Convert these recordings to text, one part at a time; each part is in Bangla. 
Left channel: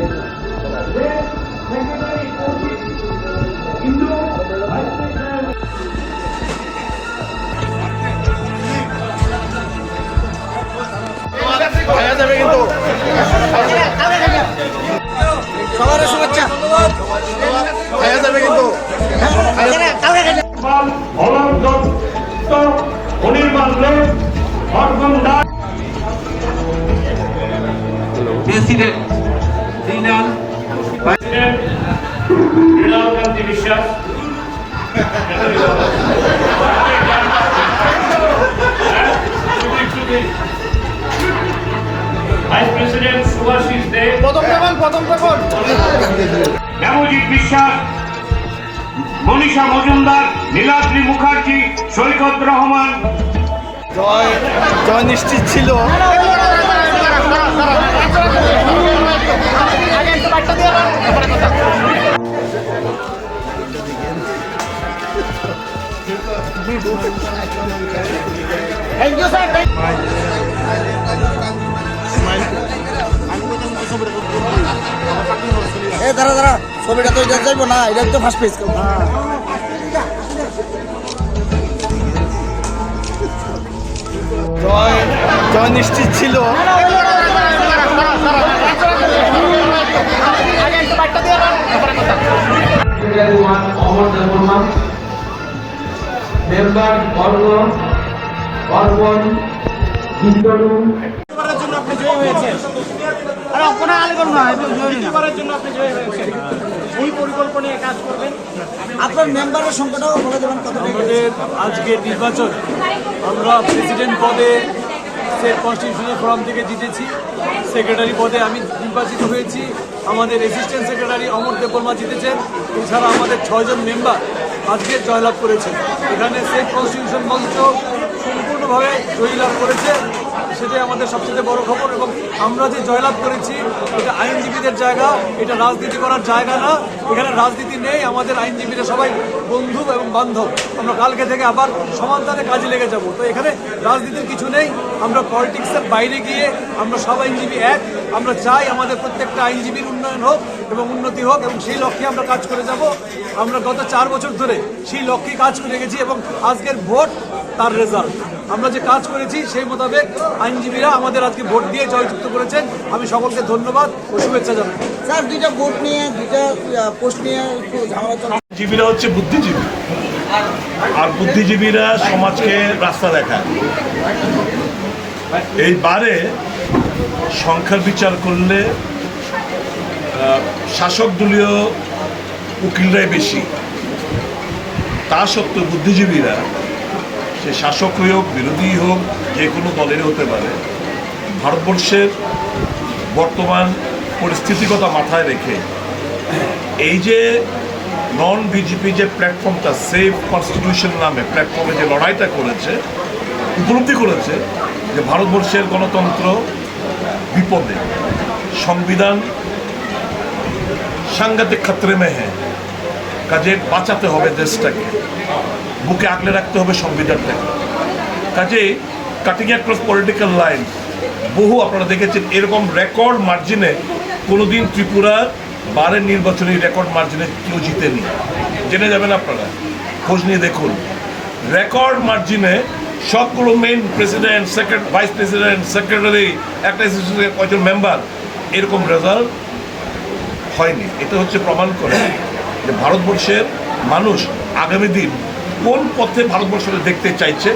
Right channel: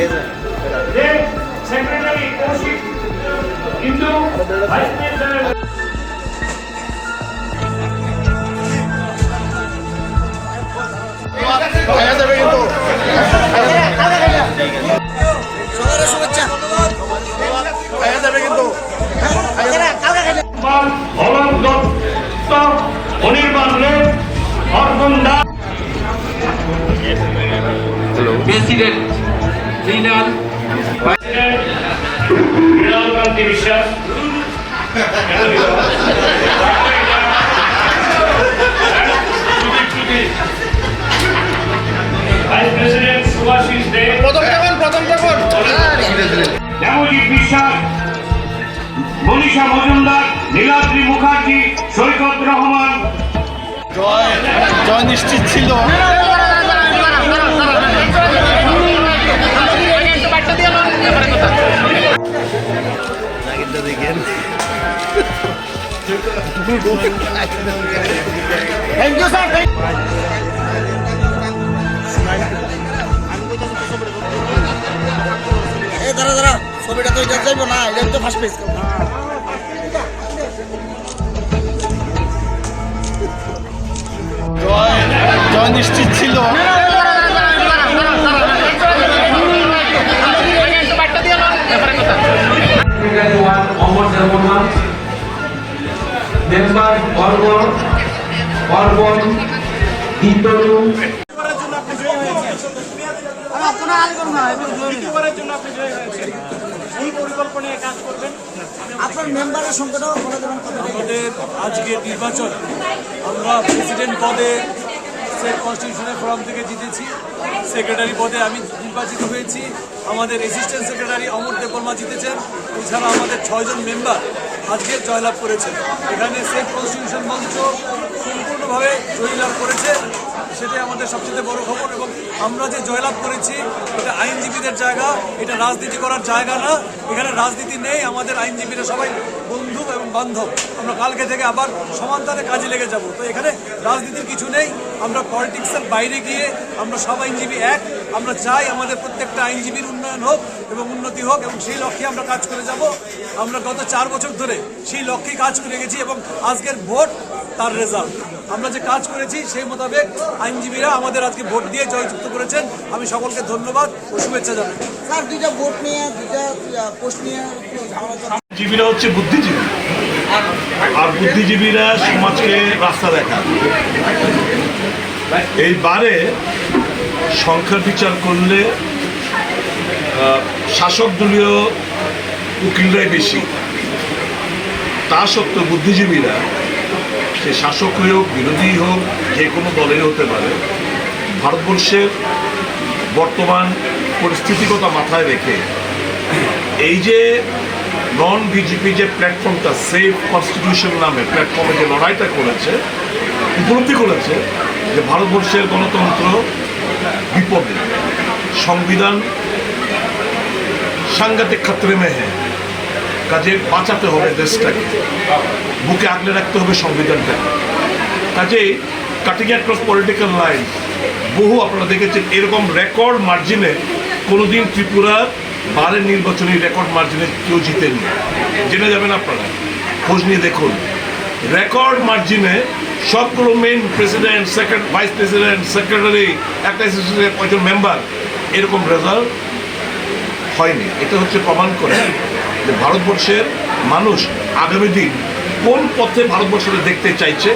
যে সেক্রেটারি কৌশিক হিন্দু ভাইস প্রেসিডেন্ট সবার শুভেচ্ছা পাল অমর দত্ত অনির্বাণ লোক Arjun Das president leader president Mrinal Kanti Biswas vice president Subhashis দে প্রথম যখন প্রথম যখন। বিশ্বাস মনীষা মজুমদার নীলাদ্রি মুখার্জি সৈকত রহমান। জয় জয় নিশ্চিত ছিল। থ্যাংক ইউ স্যার এ দাঁড়া দাঁড়া ছবিটা তো এটা যাইবো না এটা তো ফার্স্ট পেজ করব জয় জয় নিশ্চিত ছিল। One, সংখ্যাটাও বলে দেবেন কত আমাদের আজকের নির্বাচন আমরা প্রেসিডেন্ট পদে স্টেট কনস্টিটিউশনের ফোরাম থেকে জিতেছি। সেক্রেটারি পদে আমি নির্বাচিত হয়েছি। আমাদের অ্যাসিস্ট্যান্ট সেক্রেটারি অমর দেববর্মা জিতেছেন। এছাড়া আমাদের ছয়জন মেম্বার আজকে জয়লাভ করেছে এখানে সেই কনস্টিটিউশন মঞ্চ সম্পূর্ণভাবে জয়লাভ করেছে। সেটাই আমাদের সবচেয়ে বড় খবর এবং আমরা যে জয়লাভ করেছি, এটা আইনজীবীদের জায়গা, এটা রাজনীতি করার জায়গা না। এখানে রাজনীতি নেই, আমাদের আইনজীবীরা সবাই বন্ধু এবং বান্ধব। আমরা কালকে থেকে আবার সমানতারে কাজে লেগে যাব। তো এখানে রাজনীতির কিছু নেই, আমরা পলিটিক্সের বাইরে গিয়ে আমরা সব আইনজীবী এক। আমরা চাই আমাদের প্রত্যেকটা আইনজীবীর উন্নয়ন হোক এবং উন্নতি হোক এবং সেই লক্ষ্যে আমরা কাজ করে যাব। আমরা গত চার বছর ধরে সেই লক্ষ্যে কাজ করে গেছি এবং আজকের ভোট তার রেজাল্ট আমরা যে কাজ করেছি সেই মোতাবেক আইনজীবীরা আমাদের আজকে ভোট দিয়ে জয়যুক্ত করেছেন। আমি সকলকে ধন্যবাদ ও শুভেচ্ছা জানাই। স্যার দুইটা ভোট নিয়ে দুইটা পোস্ট নিয়ে। জীবীরা হচ্ছে বুদ্ধিজীবী। আর বুদ্ধিজীবীরা সমাজকে রাস্তা দেখায় এই বারে সংখ্যার বিচার করলে আহ, শাসক দলীয় উকিলরাই বেশি। তা সত্ত্বেও বুদ্ধিজীবীরা সে শাসক হোক, বিরোধী হোক, যে কোনো দলের হতে পারে। ভারতবর্ষের বর্তমান পরিস্থিতিগত মাথায় রেখে এই যে নন বিজেপি যে প্ল্যাটফর্মটা সেফ কনস্টিটিউশন নামে প্ল্যাটফর্মে যে লড়াইটা করেছে, উপলব্ধি করেছে যে ভারতবর্ষের গণতন্ত্র বিপদে। সংবিধান সাংঘাতিক ক্ষেত্রে মে হ্যাঁ কাজে বাঁচাতে হবে দেশটাকে। বুকে আগলে রাখতে হবে সংবিধানটাকে। কাজে কাটিং অ্যাক্রস পলিটিক্যাল লাইন বহু আপনারা দেখেছেন এরকম রেকর্ড মার্জিনে কোনোদিন ত্রিপুরার বারের নির্বাচনী রেকর্ড মার্জিনে কেউ জিতেননি। জেনে যাবেন আপনারা। খোঁজ নিয়ে দেখুন। রেকর্ড মার্জিনে সবগুলো main president secretary vice president secretary একটা কয়জন মেম্বার এরকম রেজাল্ট হয়নি। এটা হচ্ছে প্রমাণ করে। যে ভারতবর্ষের মানুষ আগামী দিন কোন পথে ভারতবর্ষকে দেখতে চাইছে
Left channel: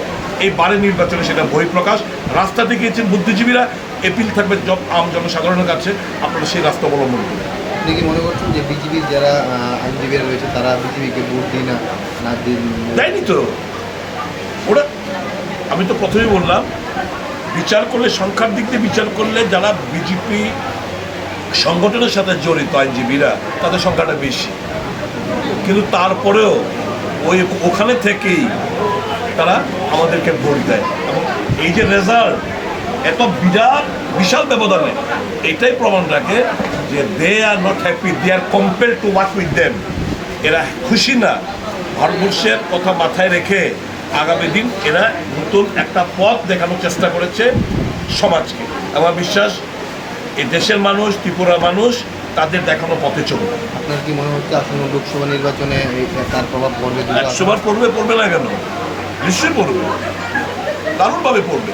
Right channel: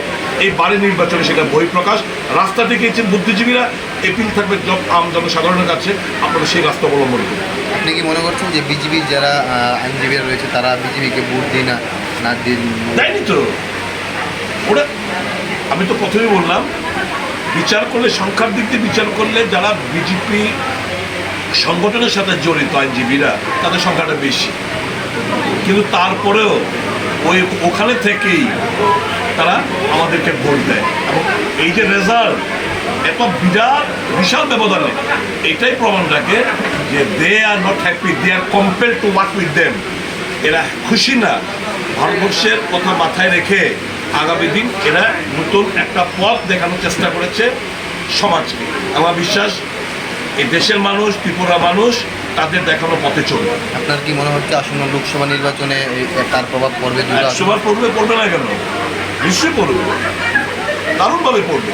এই বারে নির্বাচনে সেটা বহিঃপ্রকাশ। রাস্তা দেখিয়েছেন বুদ্ধিজীবীরা এপিল থাকবে আম জনসাধারণের কাছে। আপনারা সেই রাস্তা অবলম্বন করুন। আপনি কি মনে করছেন যে বিজেপির যারা আইনজীবীরা রয়েছে তারা বিজেপিকে ভোট দিই না না দিন? দেয়নি তো। ওরা আমি তো প্রথমেই বললাম বিচার করলে সংখ্যার দিক দিয়ে বিচার করলে যারা বিজেপি সংগঠনের সাথে জড়িত আইনজীবীরা তাদের সংখ্যাটা বেশি। কিন্তু তারপরেও ওই ওখানে থেকেই তারা আমাদেরকে ভোট দেয়। এবং এই যে রেজাল্ট এত বিরাট, বিশাল ব্যবধানে, এটাই প্রমাণ রাখে যে they are not happy they are compare to work with them এরা খুশি না। ভারতবর্ষের কথা মাথায় রেখে আগামী দিন এরা নতুন একটা পথ দেখানোর চেষ্টা করেছে সমাজকে। আমার বিশ্বাস, এই দেশের মানুষ ত্রিপুরা মানুষ তাদের দেখানো পথে চলবে। আপনার কি মনে হচ্ছে আসন্ন লোকসভা নির্বাচনে তার প্রভাব পড়বে আসনে? পড়বে পড়বে না কেন? নিশ্চয়ই পড়বে। দারুণভাবে পড়বে।